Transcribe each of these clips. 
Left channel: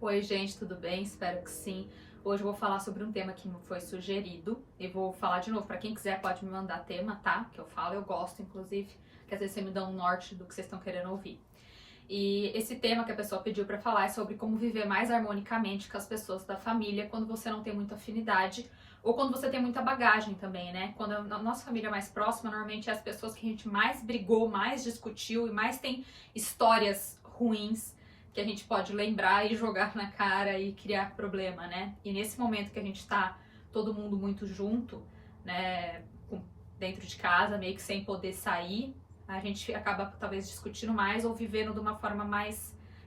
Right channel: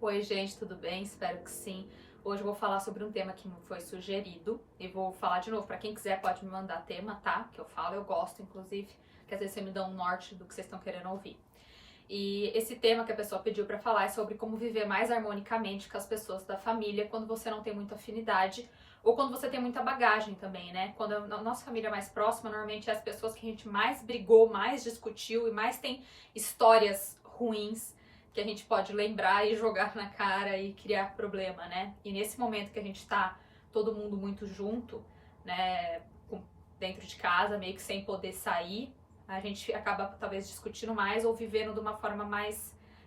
Oi, gente, tudo bem? Espero que sim. Hoje eu vou falar sobre um tema que me foi sugerido e vou falar de novo. Para quem quiser, pode me mandar tema, tá? Que eu falo, eu gosto, inclusive, que às vezes você me dá um norte do que vocês estão querendo ouvir. E esse tema que a pessoa pediu para falar é sobre como viver mais harmonicamente com as pessoas da família quando você não tem muita afinidade ou quando você tem muita bagagem também, né? Quando a nossa família mais próxima, normalmente é as pessoas que a gente mais brigou, mais discutiu e mais tem histórias ruins que a gente pode lembrar e jogar na cara e criar problema, né? E nesse momento que a gente tá todo mundo muito junto, né, dentro de casa, meio que sem poder sair, a gente acaba talvez discutindo mais ou vivendo de uma forma mais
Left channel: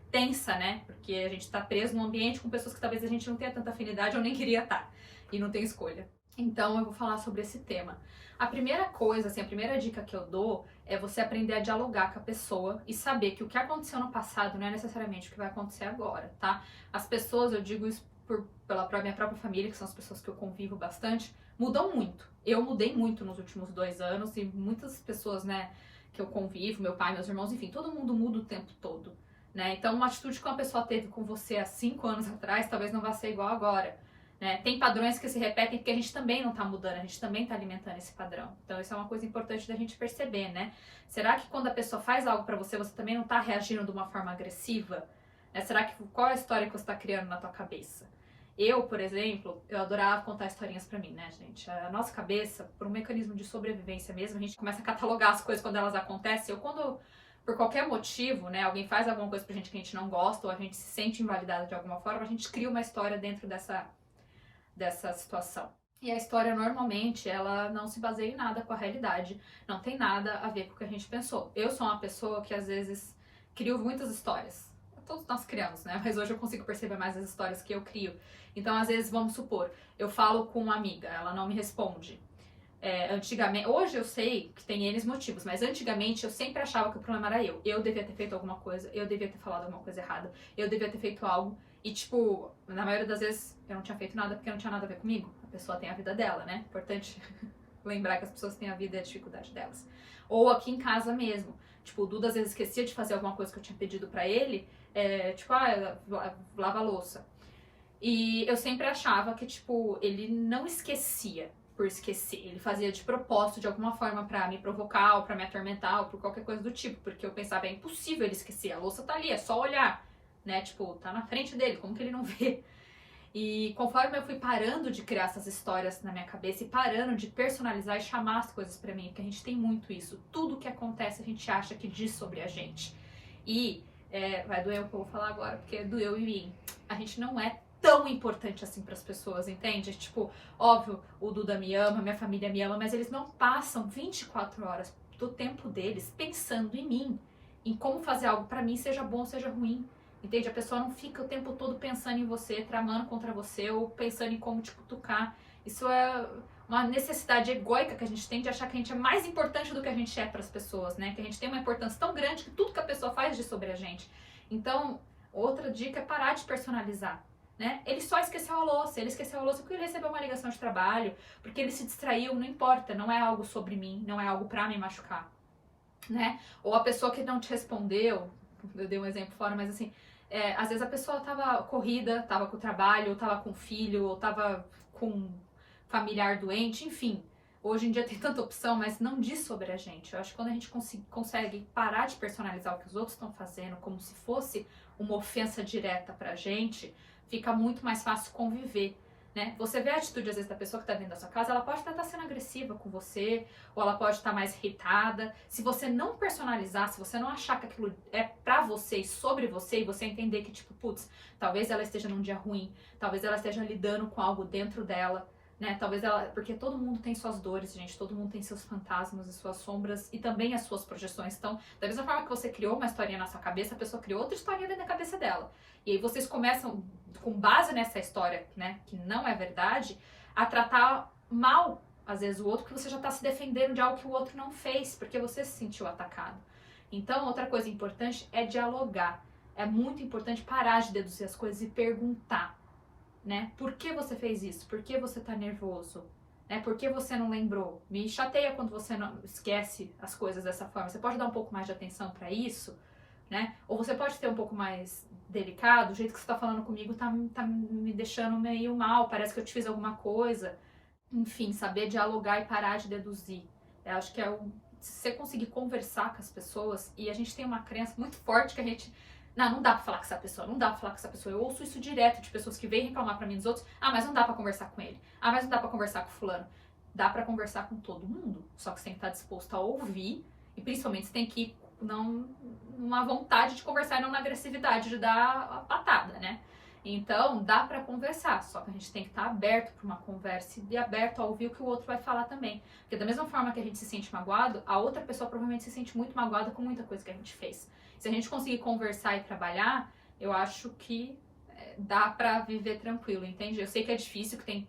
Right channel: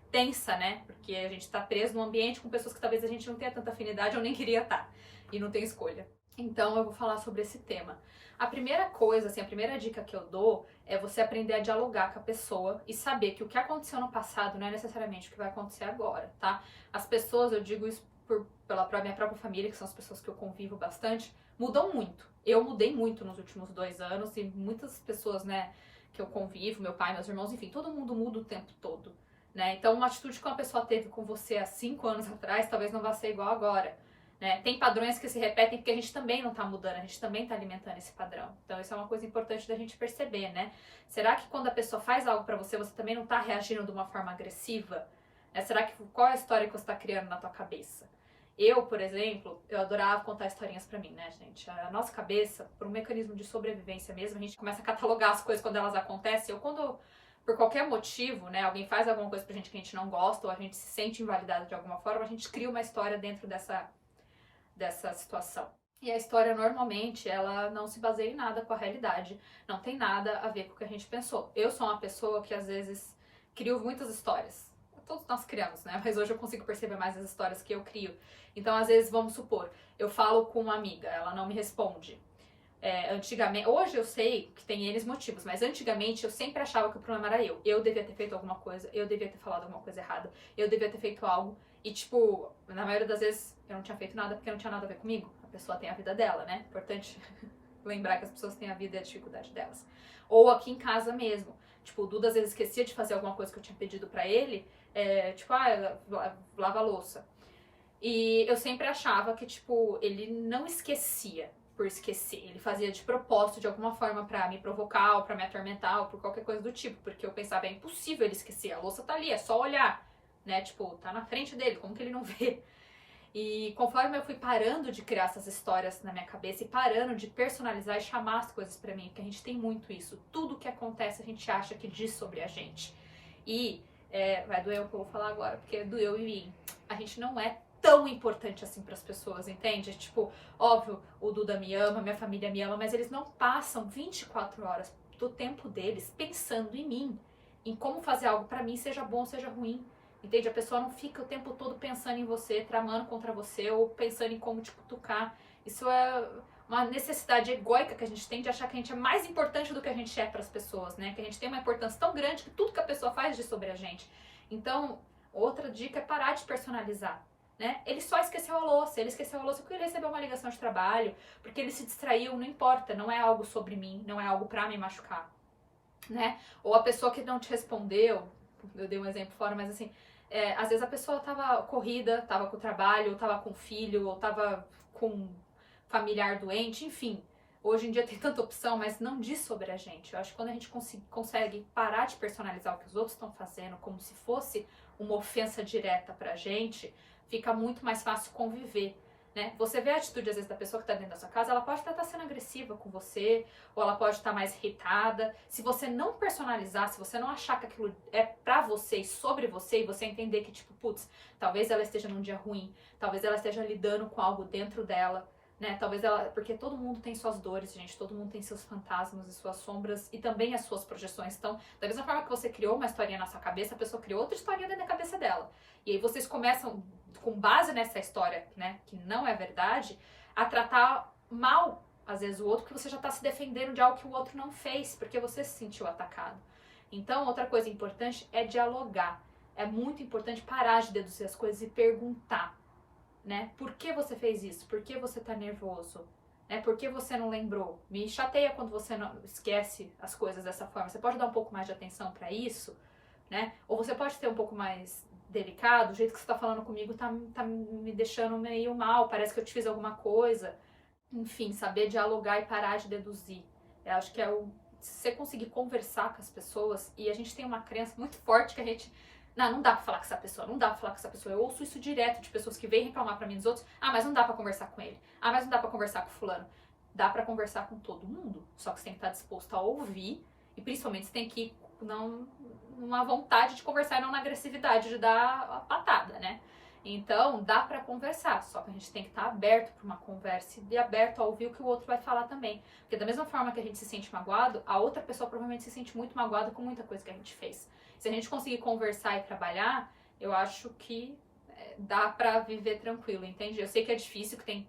tensa, né? Porque a gente tá preso num ambiente com pessoas que talvez a gente não tenha tanta afinidade ou nem queria estar e não tem escolha. Então eu vou falar sobre esse tema. A primeira coisa, assim, a primeira dica que eu dou é você aprender a dialogar com a pessoa e saber que o que aconteceu no passado não é necessariamente o que vai acontecer agora, tá? As pessoas, eu digo isso pela minha própria família, que são as pessoas que eu convivo bastante, mudam muito. Eu mudei muito nos últimos 2 anos e muitas pessoas, né, que eu convivo, meu pai, meus irmãos, enfim, todo mundo muda o tempo todo, né? Então, uma atitude que uma pessoa teve com você há 5 anos atrás, talvez não vá ser igual agora. Né? Tem padrões que se repetem porque a gente também não está mudando, a gente também está alimentando esse padrão. Então isso é uma coisa importante da gente perceber, né? Será que quando a pessoa faz algo para você, você também não está reagindo de uma forma agressiva? Né? Será que qual é a história que você está criando na tua cabeça? Eu, por exemplo, eu adorava contar historinhas pra mim, né, gente? A nossa cabeça, por um mecanismo de sobrevivência mesmo, a gente começa a catalogar as coisas quando elas acontecem, ou quando, por qualquer motivo, né, alguém faz alguma coisa pra gente que a gente não gosta, ou a gente se sente invalidado de alguma forma, a gente cria uma história dentro dessa situação. E a história, normalmente, ela não se baseia em nada com a realidade, não tem nada a ver com o que a gente pensou. Eu sou uma pessoa que, às vezes, crio muitas histórias. Todos nós criamos, né? Mas hoje eu consigo perceber mais as histórias que eu crio. Então, às vezes, vamos supor, eu falo com uma amiga, ela não me responde. Antigamente, hoje eu sei que tem N motivos, mas antigamente eu sempre achava que o problema era eu. Eu devia ter feito alguma coisa, eu devia ter falado alguma coisa errada, eu devia ter feito algo. E, tipo, na maioria das vezes eu não tinha feito nada porque não tinha nada a ver comigo. A pessoa tem a vida dela, né? Importante lembrar que as pessoas têm a vida e a dificuldade delas. Ou aqui em casa mesmo. Tipo, o Duda às vezes esquecia de fazer alguma coisa que eu tinha pedido pra ele. Tipo, lava a louça. E eu sempre achava que, tipo, ele não esquecia por esquecer. Ele fazia de propósito, de alguma forma, pra me provocar, ou pra me atormentar, ou por qualquer coisa do tipo. Porque eu pensava, é impossível ele esquecer. A louça tá ali, é só olhar. Né? Tipo, tá na frente dele, como que ele não vê? E conforme eu fui parando de criar essas histórias na minha cabeça e parando de personalizar e chamar as coisas pra mim, porque a gente tem muito isso. Tudo que acontece a gente acha que diz sobre a gente. E vai doer o que eu vou falar agora, porque doeu em mim. A gente não é tão importante assim para as pessoas, entende? Tipo, óbvio, o Duda me ama, minha família me ama, mas eles não passam 24 horas do tempo deles pensando em mim, em como fazer algo para mim, seja bom ou seja ruim. Entende? A pessoa não fica o tempo todo pensando em você, tramando contra você ou pensando em como te cutucar. Isso é uma necessidade egóica que a gente tem de achar que a gente é mais importante do que a gente é para as pessoas, né? Que a gente tem uma importância tão grande que tudo que a pessoa faz diz sobre a gente. Então, outra dica é parar de personalizar. Né? Ele só esqueceu a louça, ele esqueceu a louça porque ele recebeu uma ligação de trabalho, porque ele se distraiu, não importa, não é algo sobre mim, não é algo pra me machucar, né? Ou a pessoa que não te respondeu, eu dei um exemplo fora, mas assim, às vezes a pessoa tava corrida, tava com o trabalho, ou tava com o filho, ou tava com familiar doente, enfim. Hoje em dia tem tanta opção, mas não diz sobre a gente. Eu acho que quando a gente consegue parar de personalizar o que os outros estão fazendo como se fosse uma ofensa direta pra gente, fica muito mais fácil conviver. Né? Você vê a atitude, às vezes, da pessoa que está dentro da sua casa, ela pode estar sendo agressiva com você, ou ela pode estar mais irritada. Se você não personalizar, se você não achar que aquilo é pra você e sobre você, e você entender que, tipo, putz, talvez ela esteja num dia ruim, talvez ela esteja lidando com algo dentro dela, né? Talvez ela. Porque todo mundo tem suas dores, gente, todo mundo tem seus fantasmas e suas sombras e também as suas projeções. Então, da mesma forma que você criou uma historinha na sua cabeça, a pessoa criou outra historinha dentro da cabeça dela. E aí vocês começam, com base nessa história, né, que não é verdade, a tratar mal, às vezes, o outro, porque você já tá se defendendo de algo que o outro não fez, porque você se sentiu atacado. Então, outra coisa importante é dialogar. É muito importante parar de deduzir as coisas e perguntar, né? Por que você fez isso? Por que você tá nervoso? Né? Por que você não lembrou? Me chateia quando você não esquece as coisas dessa forma. Você pode dar um pouco mais de atenção para isso, né? Ou você pode ter um pouco mais delicado, o jeito que você tá falando comigo tá me deixando meio mal, parece que eu te fiz alguma coisa. Enfim, saber dialogar e parar de deduzir. Eu acho que se você conseguir conversar com as pessoas, e a gente tem uma crença muito forte que a gente... Não dá pra falar com essa pessoa, não dá pra falar com essa pessoa. Eu ouço isso direto de pessoas que vêm reclamar pra mim dos outros. Mas não dá pra conversar com ele. Mas não dá pra conversar com fulano. Dá pra conversar com todo mundo, só que você tem que estar disposto a ouvir, e principalmente você tem que ir numa vontade de conversar e não na agressividade de dar a patada, né? Então, dá pra conversar, só que a gente tem que estar aberto pra uma conversa e aberto a ouvir o que o outro vai falar também. Porque da mesma forma que a gente se sente magoado, a outra pessoa provavelmente se sente muito magoada com muita coisa que a gente fez. Se a gente conseguir conversar e trabalhar, eu acho que dá pra viver tranquilo, entende? Eu sei que é difícil, que tem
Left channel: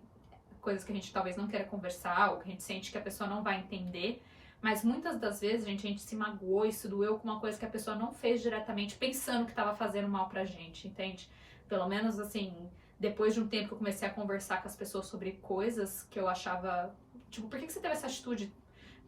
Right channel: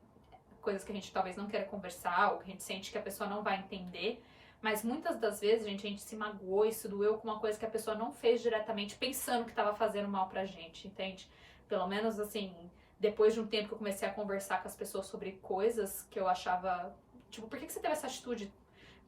coisas que a gente talvez não queira conversar, ou que a gente sente que a pessoa não vai entender, mas muitas das vezes a gente se magoou e se doeu com uma coisa que a pessoa não fez diretamente, pensando que estava fazendo mal pra gente, entende? Pelo menos, assim, depois de um tempo que eu comecei a conversar com as pessoas sobre coisas que eu achava... Tipo, por que você teve essa atitude?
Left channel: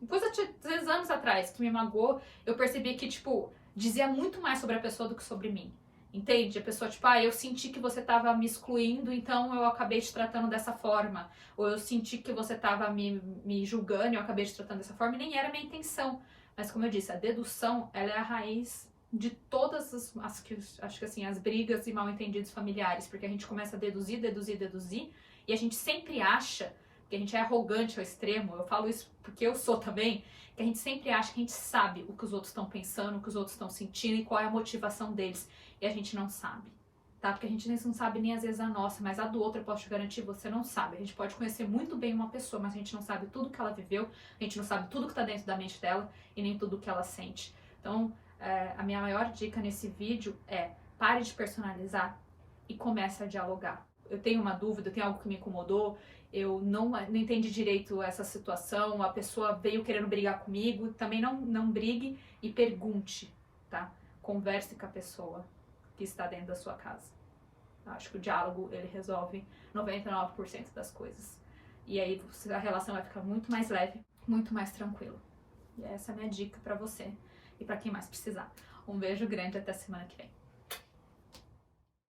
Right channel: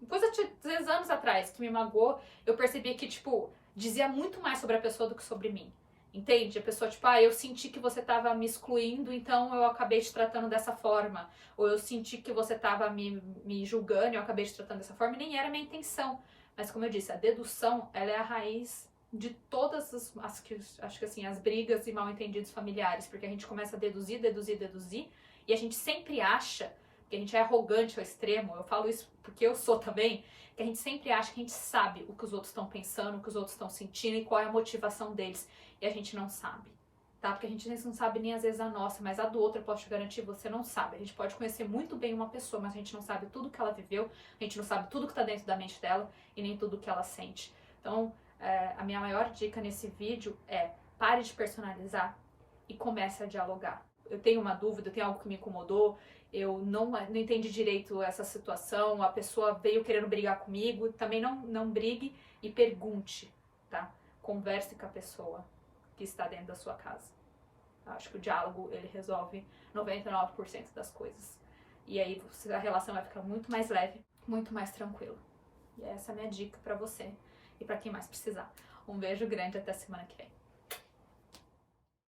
Coisa de 3 anos atrás, que me magoou, eu percebi que, tipo, dizia muito mais sobre a pessoa do que sobre mim. Entende? A pessoa, tipo, eu senti que você tava me excluindo, então eu acabei te tratando dessa forma. Ou eu senti que você tava me julgando e eu acabei te tratando dessa forma, e nem era a minha intenção. Mas como eu disse, a dedução, ela é a raiz de todas acho que assim, as brigas e mal-entendidos familiares, porque a gente começa a deduzir, e a gente sempre acha, porque a gente é arrogante ao extremo, eu falo isso porque eu sou também, que a gente sempre acha que a gente sabe o que os outros estão pensando, o que os outros estão sentindo e qual é a motivação deles. E a gente não sabe, tá? Porque a gente não sabe nem às vezes a nossa, mas a do outro eu posso te garantir, você não sabe. A gente pode conhecer muito bem uma pessoa, mas a gente não sabe tudo que ela viveu, a gente não sabe tudo que tá dentro da mente dela e nem tudo que ela sente. Então, a minha maior dica nesse vídeo é: pare de personalizar e comece a dialogar. Eu tenho uma dúvida, tem algo que me incomodou, eu não entendi direito essa situação, a pessoa veio querendo brigar comigo, também não brigue e pergunte, tá? Converse com a pessoa que está dentro da sua casa. Acho que o diálogo, ele resolve 99% das coisas. E aí a relação vai ficar muito mais leve, muito mais tranquila. E essa é a minha dica pra você e pra quem mais precisar. Um beijo grande, até semana que vem.